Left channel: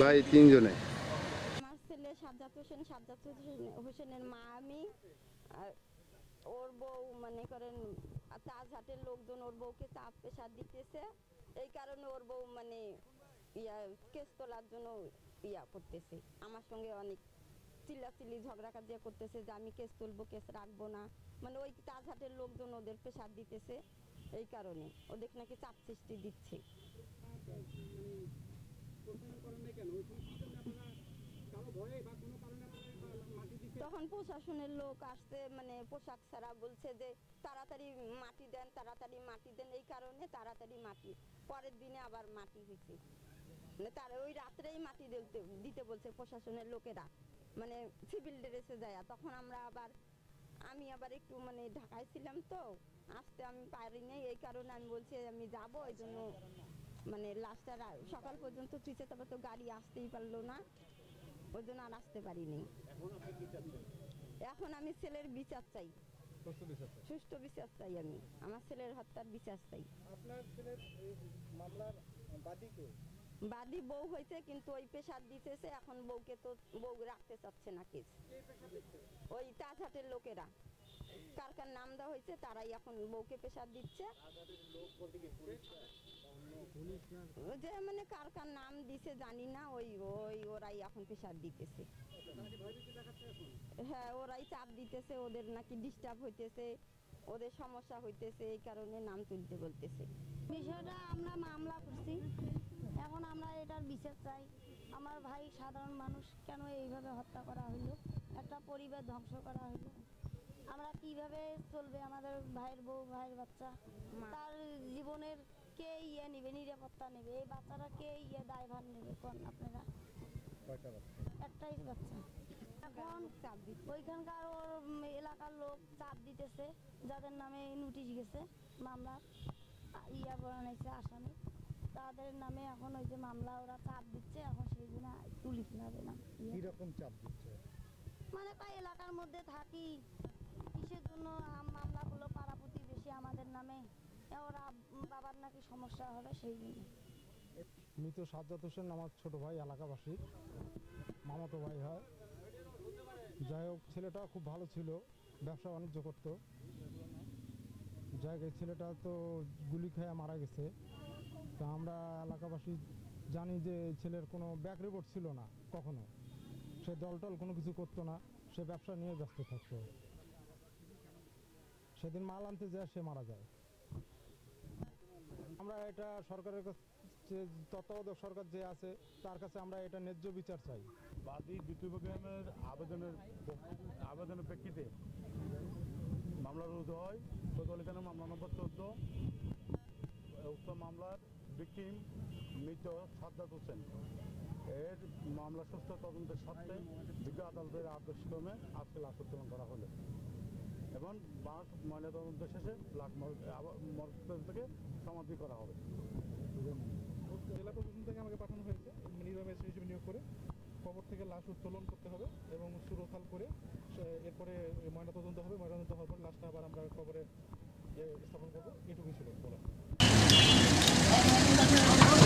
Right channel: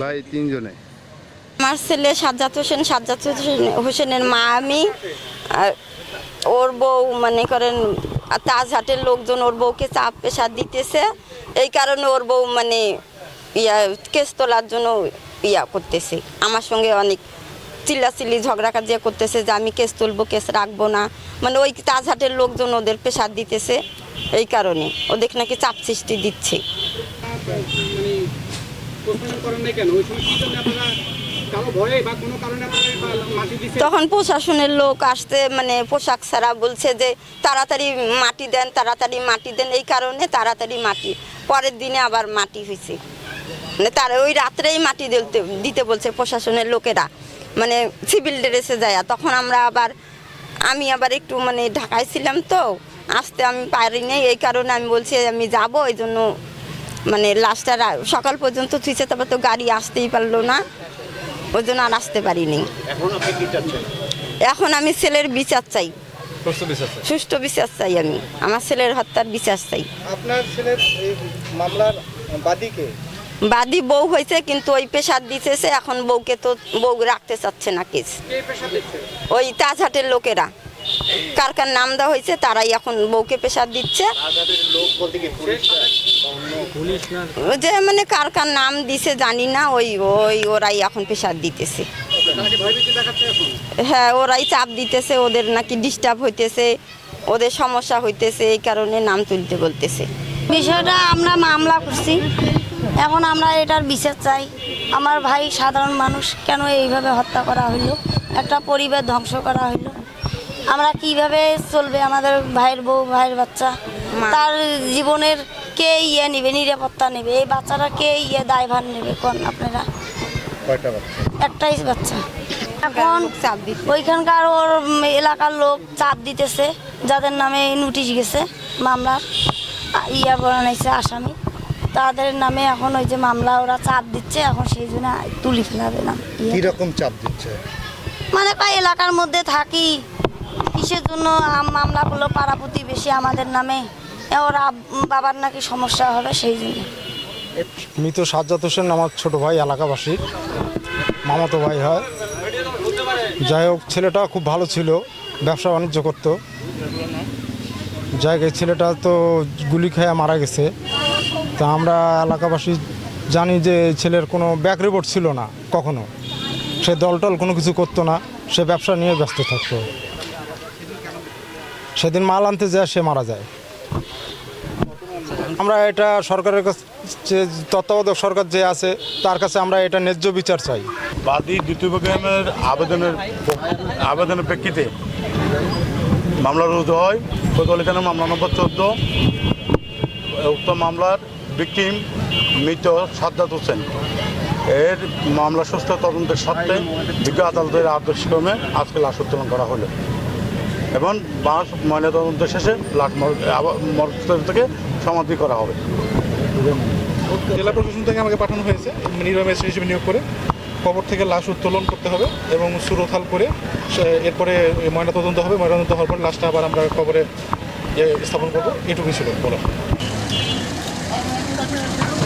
ভাই, তিনজনে। আমার ছেলে সাজ্জাদ হোসেন, সাজ্জাদ হোসেনের মা আমি ওর বউ, মনে করেন তাজহাটের লোকজন, ওর বউকে চাপ পেশা দিতেছে। এই কারণে ওর বউ মানে ইয়া, কেস তোলার জন্য ইয়া করতেছে। আমার সঙ্গে অনেক চিল্লাচিল্লি ঝগড়া কাজিয়া করতেছে যে আমি কেস তুলবো, কেস রাখব না। মানে ওই তাজহাটের লোকজন ওদের পেশার দিতেছে এই কারণে। ওদের নাকি চাপ সৃষ্টি দিচ্ছে। তখন প্রশাসনের লোক আসতে মানে পোশাক ছাড়া বলছে যে, তাড়াতাড়ি মাটি দেন, তাড়াতাড়ি মাটি দেন। এই কারণে তাড়াতাড়ি মাটি, পরের দিনে আবার মাটি হয়েছে তারা ওই রাত্রেই মাটি দিতে দিতে বলছে প্রশাসনের লোকেরা। মানে সিভিল ড্রেসে যায় তখন আমরা আবার আমি আবার একটু মানে ঢাকায় ছিলাম তো আসতে আমি পারিনি এই কারণে আমি বলছি আমি যাব এই জন্য মানে লাস্টটা সকাল পর্যন্ত থুইছে তারপর তো গাড়ি আসতেই পারল না। ওই জন্য আর আসতে পারিনি এখন আমি ছেলের বিচার চাই। সুষ্ঠু বিচার চাই। আমি। আমার ছেলের হত্যার বিচার চাই। আপনার ছেলের এই মামলার বাদীকে বাদী বউ হয়েছে কিন্তু ওই পেশার দিতেছে এখন বউকে তো বউ রাখতে চাচ্ছে না কেস। ওই তাজহাটের লোকেরা। কার কার নাম দেওয়া হয়েছে তারাই এখন বউকে পেশার দিচ্ছে। যে মানে কার কার নাম দিছে জানি না ওই ওই ওরাই এখন পেশার দিতেছে। হ্যাঁ ওরাই চাপ দিতেছে ওদের নাকি ডিস্টার্ব হইতেছে ওদের সমস্যা হইতেছে এই কারণে নাম তুলতে বলতেছে। বিষয়টা আমরা মামলা করছি। এখন আমরা এটার বিচার চাই। আমার ভাই সাধারণ মানুষ কেন এইভাবে হত্যা করা হইল? একটা পরিবার ধ্বংস করা হইল। আমরা কীভাবে চলবে আমাদের ভাইয়ের বউ ভাইয়ের বাচ্চা? তার জীবনের কে ইয়ে নেবে নিরাপত্তা নেবে? এই বাচ্চাটা কে ইয়ে দায়ভার নেবে কোন আপনারা? একটাই বাচ্চা। এখন চাপ দিতে ওইখানকার ওর এলাকার লোক চাপ দিতেছে যাদের নামে নোটিশ গেছে মামলার ইয়া বানাইছে আসামি। তাদের নামে এখন ওই যে মামলা ওরা চাপ দিচ্ছে এখন সেই জন্য তুলি ফেলাবে না। ইয়ে। কীরকম চাপ দিচ্ছে? মানে কয় এলাকার মধ্যে থাকি কিসের জন্য আম- মামলা করল পাড়া প্রতিবেশী আমাদের নামে ওরা বাবার নাকি সমস্যা হবে সেই জন্য। মৃত সাজ্জাদ হোসেন আমার ছোট ভাই এলাকাবাসী। মামাতো ভাই হয়। যাই হোক ছেলেটা খুব ভালো ছিল ব্যবসা বাণিজ্য করতো। যাই হোক, ছেলেটা তো গুলি খেয়ে মারা গেছে। তা আমরা এলাকাবাসী জানি যে ছেলের কোনো ব্যাক রিপোর্ট ছিল না, কখনো। সে দলটল কোনো কিছু করতো না, সে ব্যবসা নিয়ে ব্যস্ত থাকতো। সেদিন মাল আনতে যায়, সে মারা যায়। আমরা এটা সরকারের কাছে তত্ত্বাবধায়ক সরকার যে আছে, তার কাছে আমরা এটা ন্যায্য বিচার চাই। বাদী দ্বিতীয় প্রোগ্রামের আবেদনের আবেদনের প্রেক্ষিতে মামলা রুজু হয়। কোতোয়ালি থানার মামলা নম্বর চোদ্দ উক্ত মামলার ভিকটিম মৃত সাদ্দাত হোসেন। এর মামলা সুস্থ তদন্তের স্বার্থে বিজ্ঞ আদালতের আদর্শক্রমে আজকে লাশ উত্তোলন করা হলো এবং বাস ময়নাতদন্ত শেষে লাশ মর- থেকে সমাধি করা হবে। জেলা প্রশাসন থেকে আমাকে পাঠানো হয়েছে। নির্বাহী ম্যাজিস্ট্রেট হিসেবে নিয়োগ করে কবর থেকে লাশ উত্তোলন করতে হবে এবং সুরথাল করে এরপরে ময়নাতদন্ত হবে। ময়নাতদন্ত হওয়ার পর লাশটা আবার আমরা কবরে স্থাপন করব। এটুকুই ছিল বলা よかったよかった。